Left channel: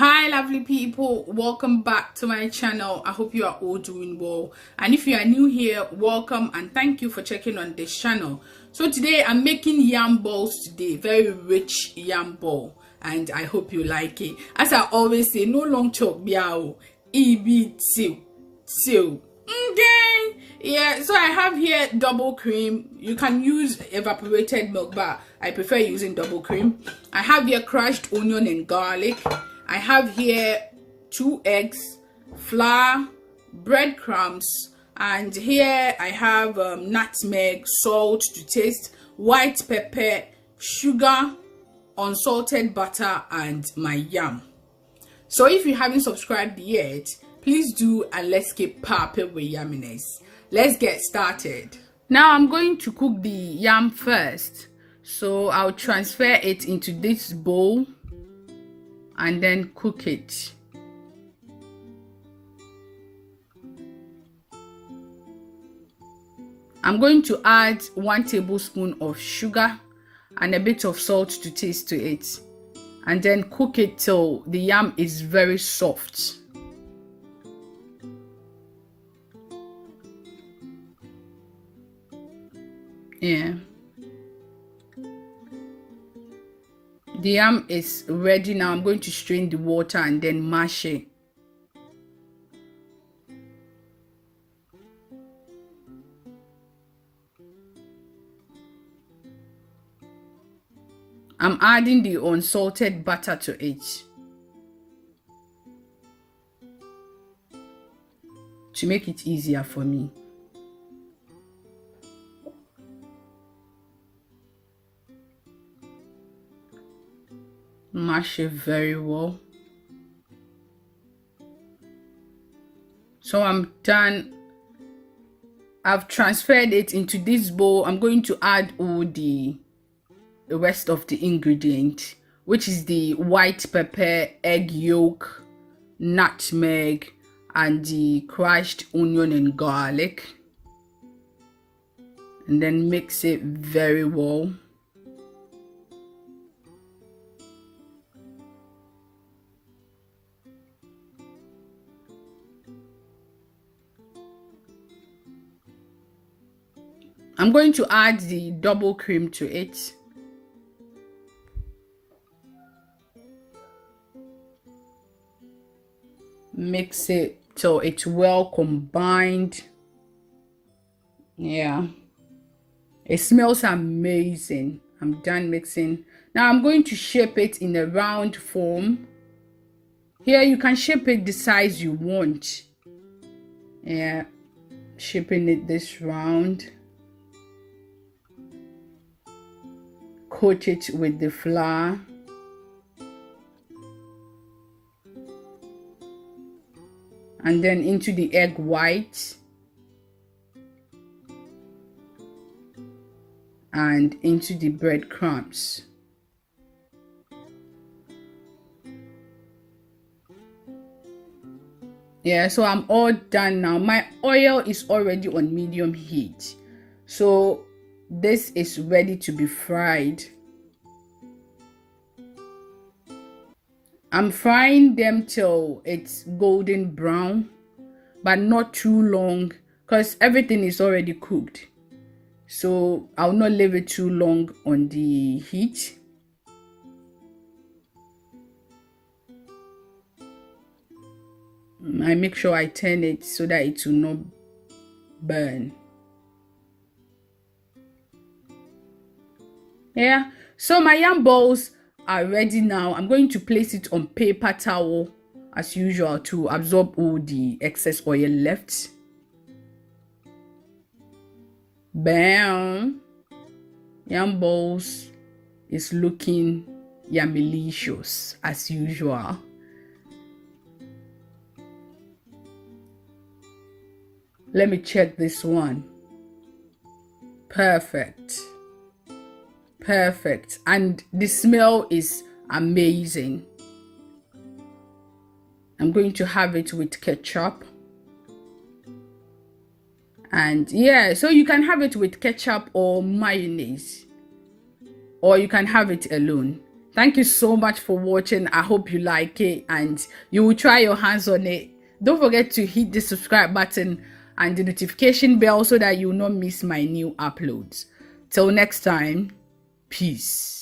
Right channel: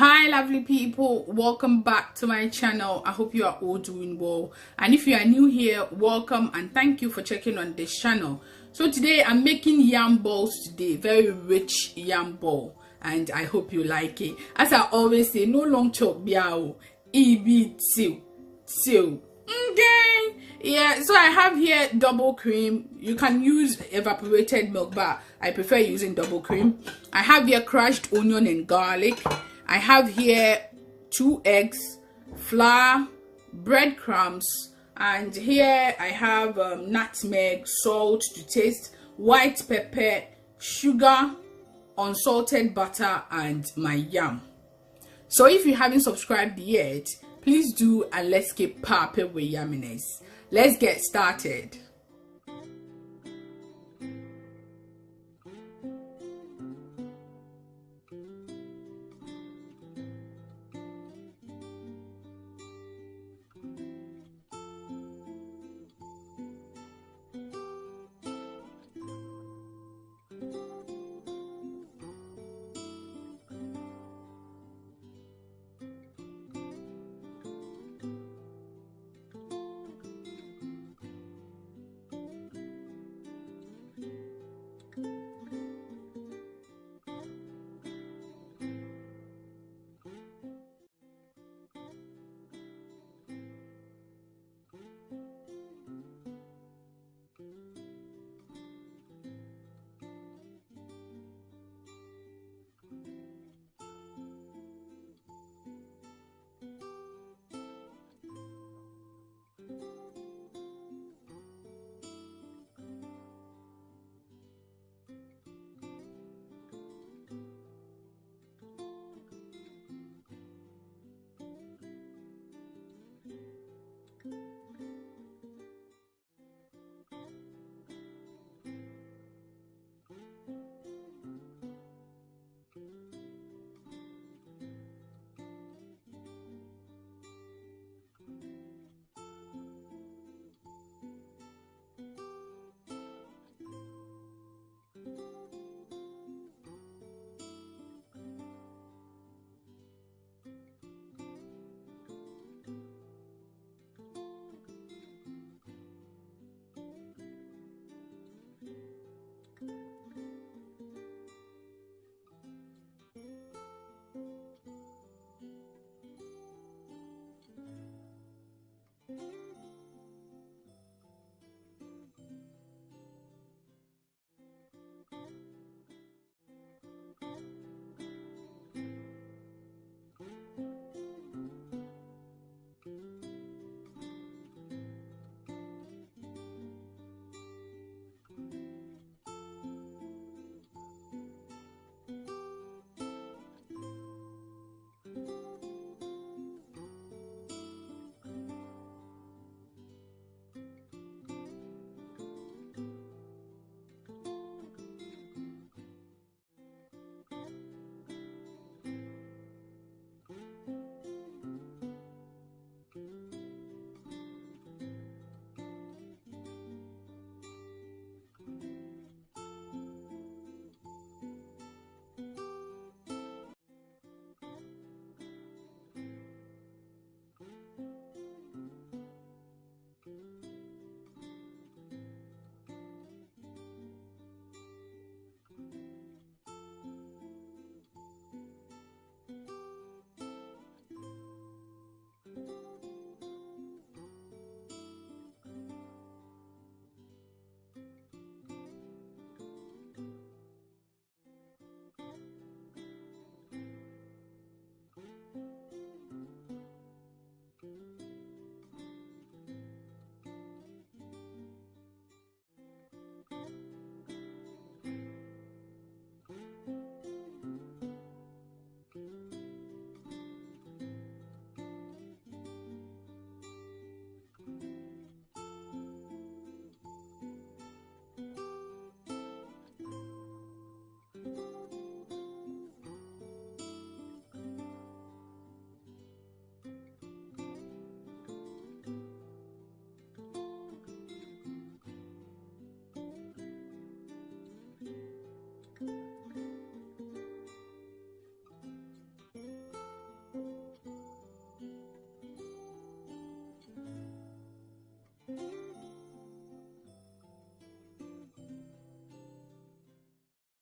Hi lovely people, welcome back to my channel. I hope you are all doing well, and if you are new here, welcome and thank you for checking on this channel. So today I'm making yam balls today, very rich yam ball, and I hope you like it. As I always say, no long chop biao so okay, yeah. So I have here double cream. You can use evaporated milk, but I prefer using double cream. I have here crushed onion and garlic. I have here 2 eggs, flour, breadcrumbs, and here I have nutmeg, salt to taste, white pepper, sugar, unsalted butter, and my yam. So if you haven't subscribed yet, please do, and let's keep popping with yumminess. Let's get started. Now I'm going to cook the yam first. So I'll transfer it into this bowl and then cook it. I'm going to add 1 tablespoon of sugar and a bit of salt to taste to it, and then cook it till the yam is very soft. Yeah, the yam is ready now. I'm going to strain the water and then mash it. I'm adding the unsalted butter to it to make it easier for me. Mash it very well. So I'm done. I've transferred it into this bowl. I'm going to add all the rest of the ingredient, which is the white pepper, egg yolk, nutmeg, and the crushed onion and garlic, and then mix it very well. I'm going to add the double cream to it. Mix it till it's well combined. Yeah, it smells amazing. I'm done mixing. Now I'm going to shape it in a round form. Here you can shape it the size you want. Yeah, shaping it this round. Coat it with the flour. And then into the egg white. And into the breadcrumbs. Yeah, so I'm all done now. My oil is already on medium heat. So this is ready to be fried. I'm frying them till it's golden brown, but not too long because everything is already cooked. So I'll not leave it too long on the heat. I make sure I turn it so that it will not burn. Yeah, so my yam balls are ready now. I'm going to place it on paper towel as usual to absorb all the excess oil left. Bam! Yam balls is looking yammylicious as usual. Let me check this one. Perfect. Perfect, and the smell is amazing. I'm going to have it with ketchup, and yeah, so you can have it with ketchup or mayonnaise, or you can have it alone. Thank you so much for watching. I hope you like it and you will try your hands on it. Don't forget to hit the subscribe button and the notification bell so that you will not miss my new uploads. Till next time, peace.